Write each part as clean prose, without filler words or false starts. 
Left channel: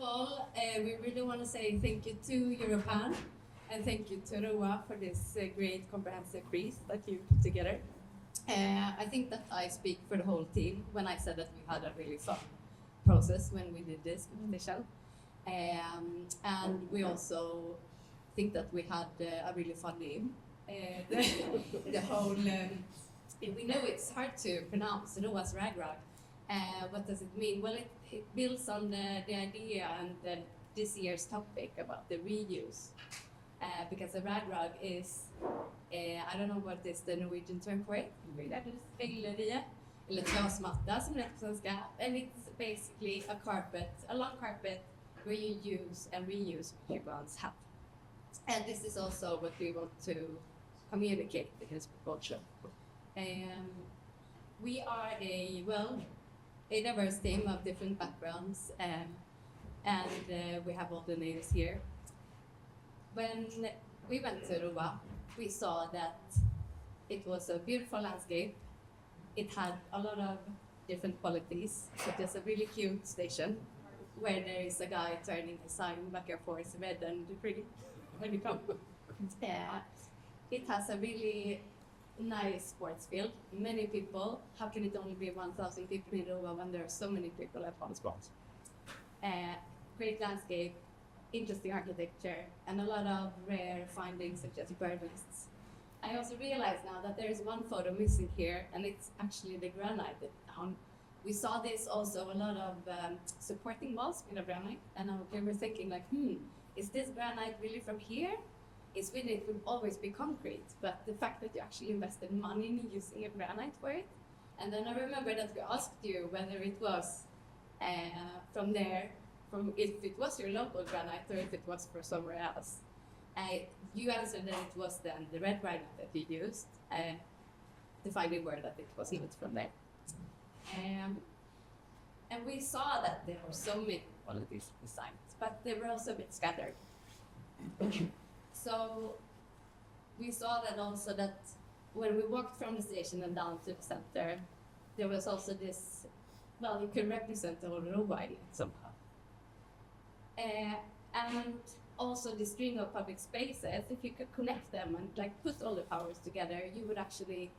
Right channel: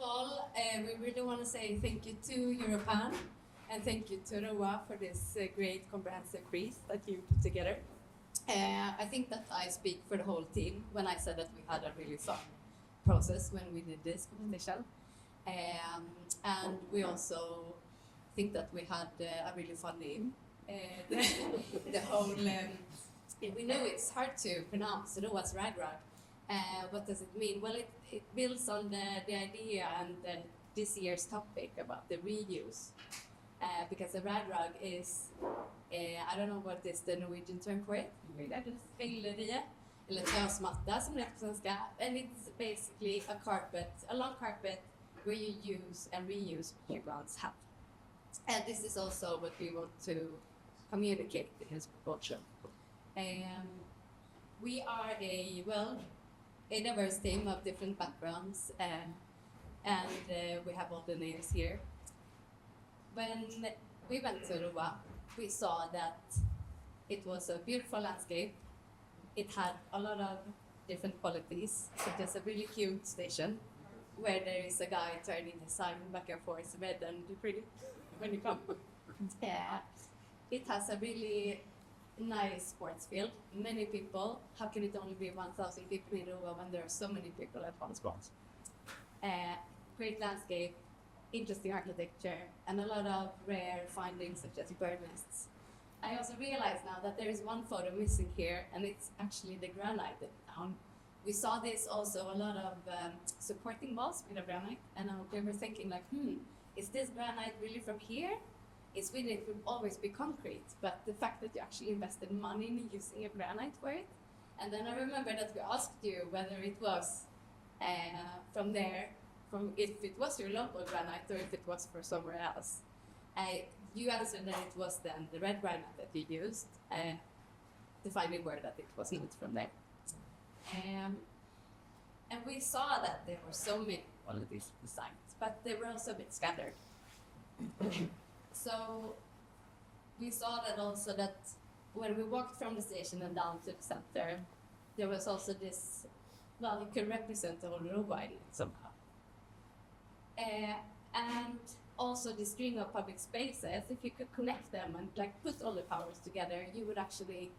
of all, we really want to say thank you to Europan and thank you to Roa for this great comprehensive quiz that you put together. I think that I speak for the whole team when I said that we had a really fun process when we did this competition. And we also think that we had a really fun name. The whole, we know it's hard to pronounce, Roa's Ragrag. What does it mean? Well, it builds on the idea and this year's topic about the reuse. Because the ragrag is, I don't know what is the Norwegian term for it. Eller trasmatta som det är på svenska. And it's basically a long carpet where you use and reuse what you once had. And this is also what we want to communicate in his culture. We are a diverse team of different backgrounds, and we have all the names here. When we went to Roa, we saw that it was a beautiful landscape. It had a lot of different qualities, such as a really cute station where there is a guy turning a sign back and forth, red and pretty when you come. It has a really nice sports field. Many people. How can it only be 1,000 people in Roa when there are so many people at once? Great landscape, interesting architecture, and a lot of rare findings such as bird nests. I also realize now that there is one photo missing here, and it's actually the granite down. We saw this also a lot of supporting walls with the granite, and we were thinking like, is this granite really from here? It's really, it would always be concrete, but the fact that you actually invested money in using a granite for it, and then I remember that we asked you whether it was from there, if it was your local granite or if it was for somewhere else. You answered that it was then the red granite that you used, the final word that it was not from there. And we saw that there were so many qualities designs, but they were also a bit scattered. So we saw that also that when we walked from the station and down to the center, there was also this, you can represent the whole Roa somehow. And also the string of public spaces, if you could connect them and put all the powers together, you would actually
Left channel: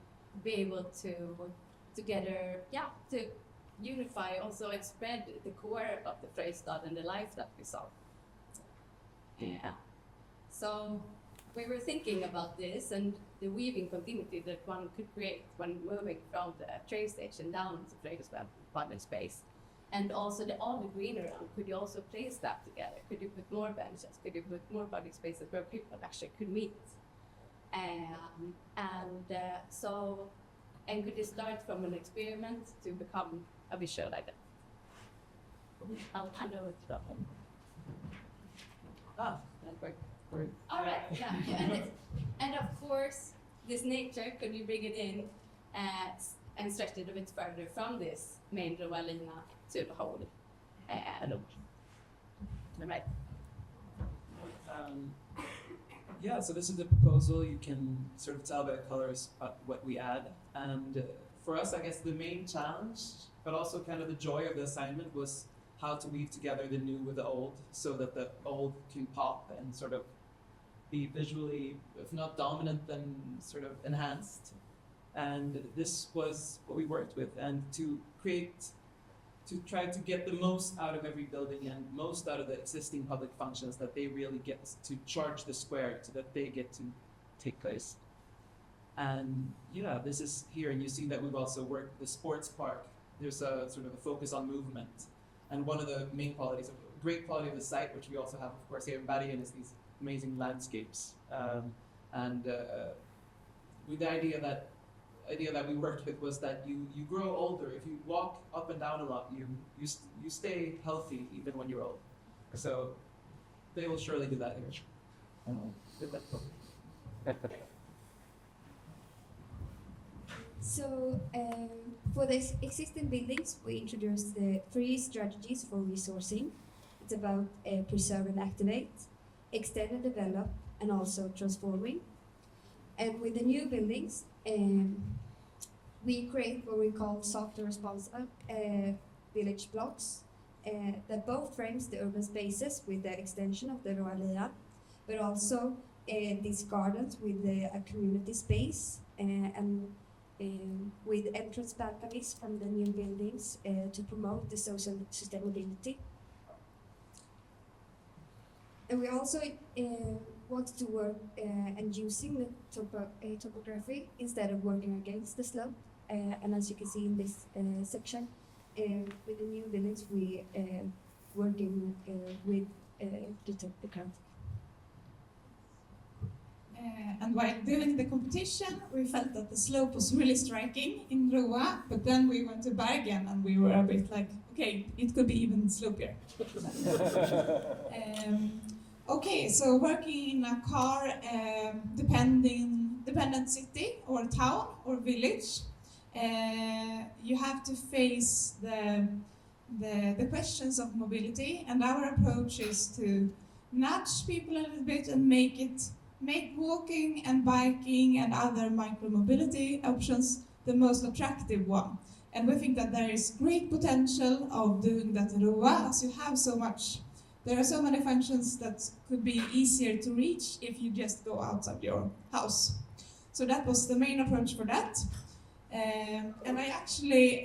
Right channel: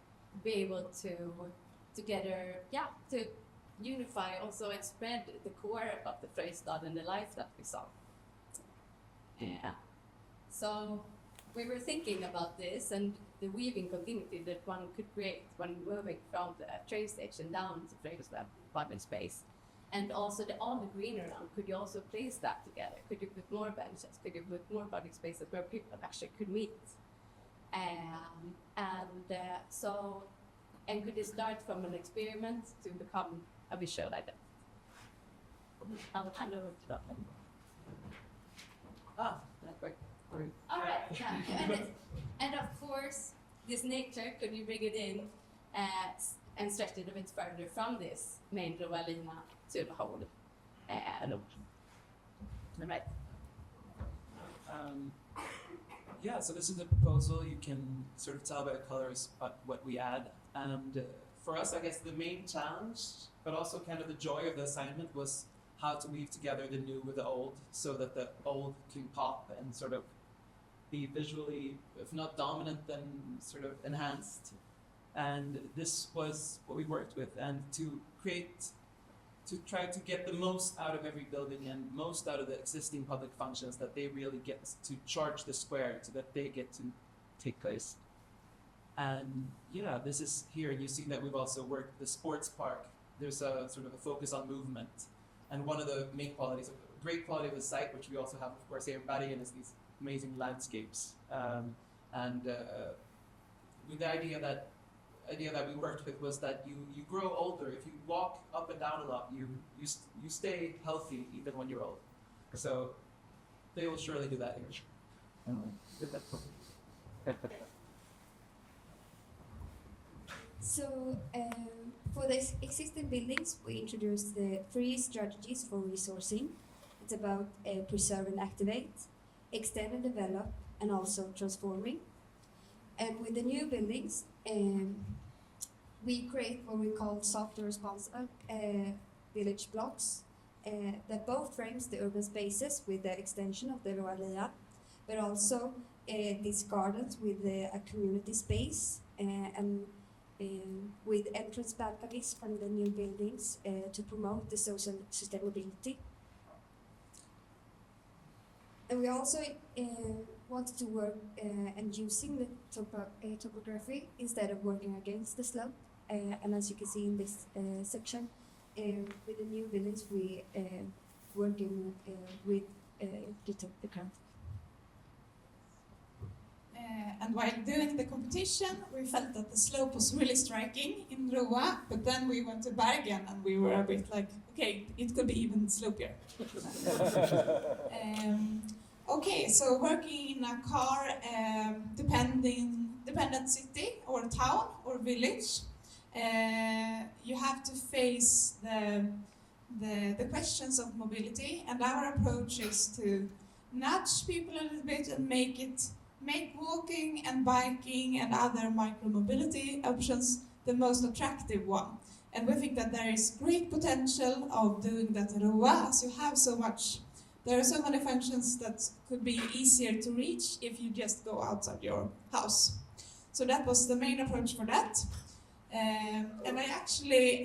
be able to unify also and spread the core of the Frøystad and the life that we saw. So we were thinking about this and the weaving continuity that one could create when moving from the train station down to Frøystad public space. And also all the greenery, could you also place that together? Could you put more benches? Could you put more public spaces where people actually could meet? And could you start from an experiment to become a visual identity? I'll hand over to that one. That's great. All right. And of course, this nature, could you bring it in and stretch it a bit further from this main Roa linje to the whole right. So this is the proposal. You can sort of tell by the colors what we add. And for us, I guess the main challenge, but also kind of the joy of the assignment was how to weave together the new with the old so that the old can pop and sort of be visually, if not dominant, then sort of enhanced. And this was what we worked with. And to try to get the most out of every building and most out of the existing public functions, that they really get to charge the square so that they get to take place. And this is here, and you see that we've also worked the sports park. There's a sort of a focus on movement. And one of the main qualities, a great quality of the site, which we also have, of course, here in Bergen, is these amazing landscapes. With the idea that we worked with was that you grow older. If you walk up and down a lot, you stay healthy even when you're old. So they will surely do that here. So for the existing buildings, we introduced the 3 strategies for resourcing. It's about preserve and activate, extend and develop, and also transforming. And with the new buildings, we create what we call software responsive village blocks that both frames the urban spaces with the extension of the Roa Lia, but also these gardens with a community space and with entrance balconies from the new buildings to promote the social sustainability. And we also want to work and using the topography instead of working against the slope. And as you can see in this section, with the new buildings, we working with the topography. And while doing the competition, we felt that the slope was really striking in Roa, but then we went to Bergen and we were a bit like, okay, it could be even slopier. Okay, so working in a car dependent city or town or village, you have to face the questions of mobility, and our approach is to nudge people a little bit and make walking and biking and other micro-mobility options the most attractive one. And we think that there is great potential of doing that in Roa, as you have so much. There are so many functions that could be easier to reach if you just go outside your house. So that was the main approach for that. And I actually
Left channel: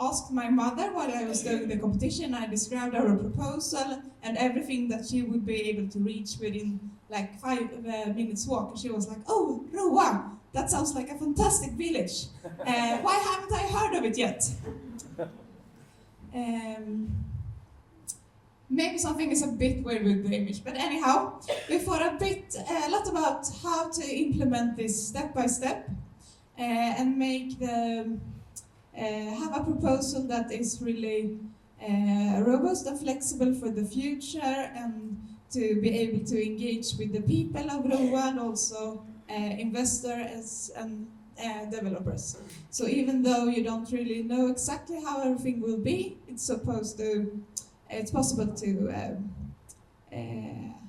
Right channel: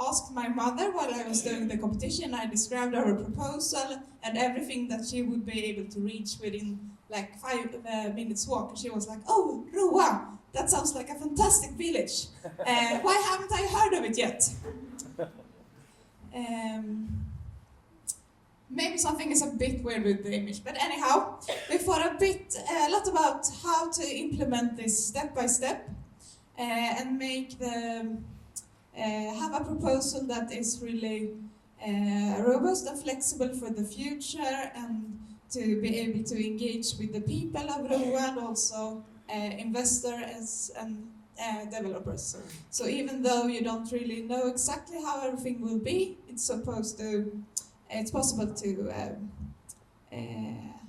asked my mother while I was doing the competition. I described our proposal and everything that she would be able to reach within like 5 minutes walk. And she was like, "Oh, Roa, that sounds like a fantastic village. Why haven't I heard of it yet?" Maybe something is a bit weird with the image, but anyhow, we thought a lot about how to implement this step by step and make have a proposal that is really robust and flexible for the future, and to be able to engage with the people of Roa and also investors and developers. So even though you don't really know exactly how everything will be, it's possible to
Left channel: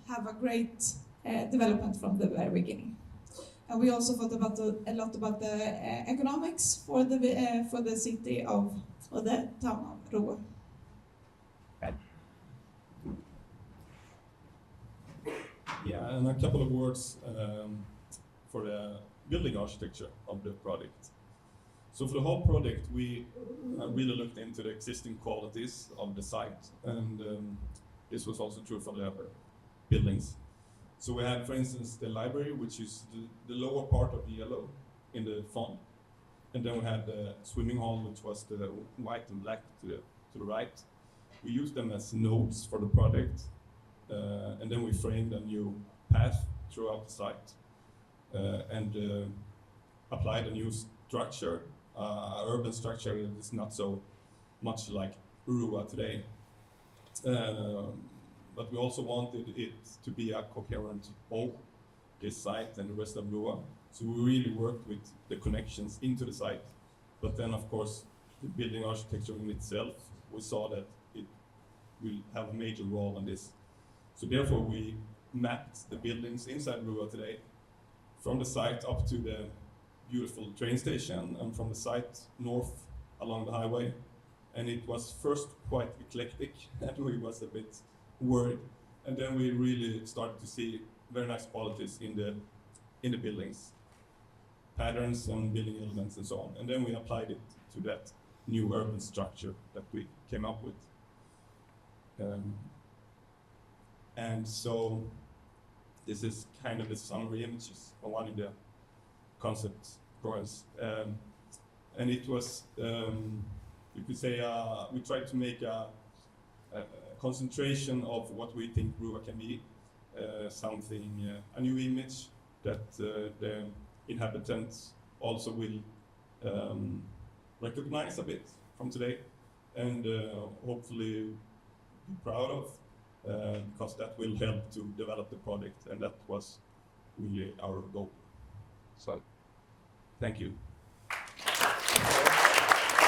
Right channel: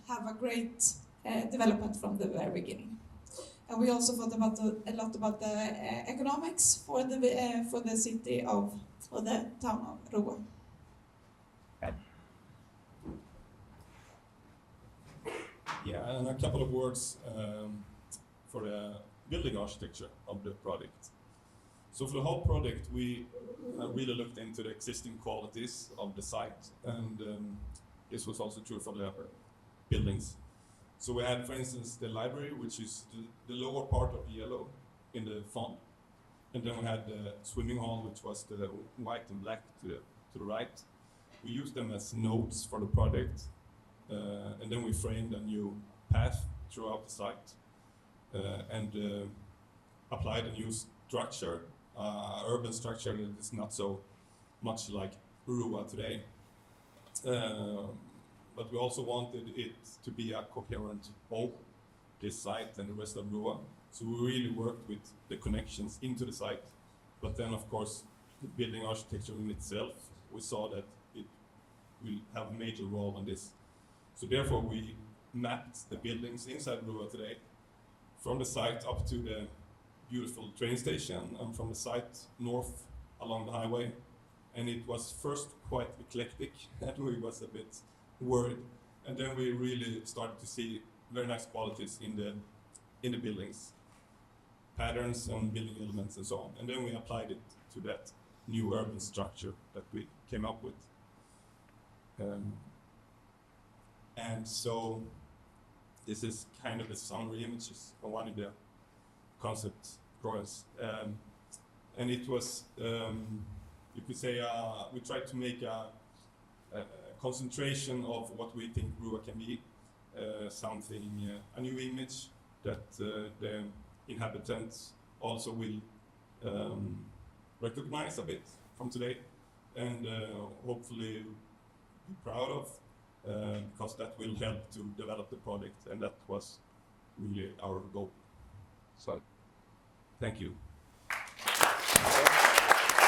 have a great development from the very beginning. And we also thought a lot about the economics for the city or the town of Roa. Yeah, and a couple of words for the building architecture of the project. So for the whole project, we really looked into the existing qualities of the site, and this was also true for the upper buildings. So we had, for instance, the library, which is the lower part of the yellow in the font, and then we had the swimming hall, which was the white and black to the right. We used them as nodes for the project, and then we framed a new path throughout the site and applied a new structure. Urban structure is not so much like Roa today. But we also wanted it to be a coherent whole, this site and the rest of Roa. So we really worked with the connections into the site. But then, of course, the building architecture in itself, we saw that it will have a major role in this. So therefore, we mapped the buildings inside Roa today, from the site up to the beautiful train station, and from the site north along the highway. And it was first quite eclectic, and we was a bit worried. And then we really started to see very nice qualities in the buildings, patterns on building elements and so on. And then we applied it to that new urban structure that we came up with. And so this is kind of the summary images of one of the concept drawings. And it was, you could say, we tried to make a concentration of what we think Roa can be, something, a new image that the inhabitants also will recognize a bit from today, and hopefully be proud of, because that will help to develop the project, and that was really our goal. So, thank you.